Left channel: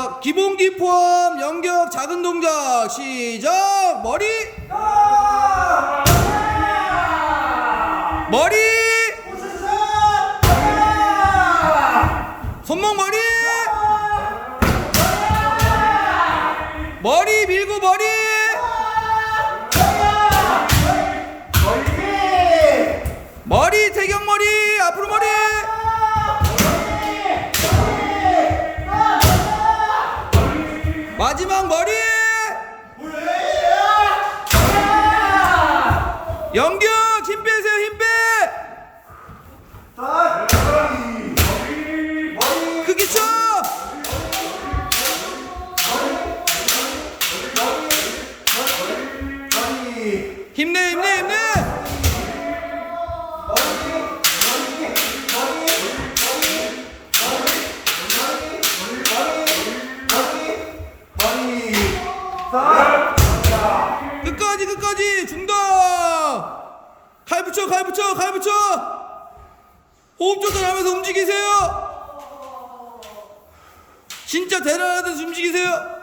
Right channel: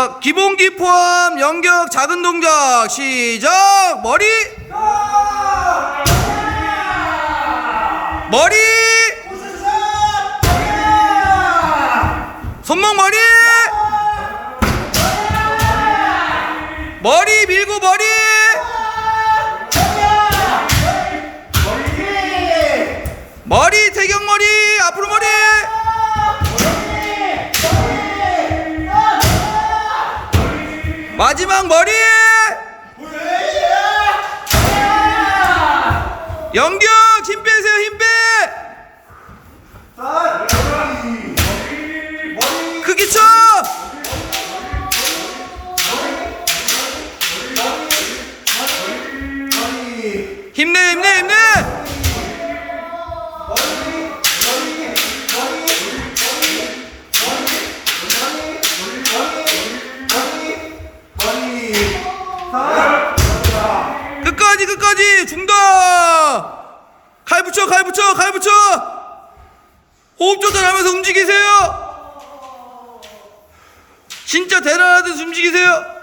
자, 기본기 포함 연격 작은 동작 시작. 머리. 머리. 손목 머리. 머리 밀고 머리. 머리 대경 머리 마지막 머리. 연격 힘 빼세요 힘 빼. 크게 쳐. 힘내 힘내 힘내. 끝까지 끝까지 중다. 칼 붙여 칼 붙여 칼 붙여. 호흡 조절하면서 움직이세요. 진짜 대단하듯 움직이세요.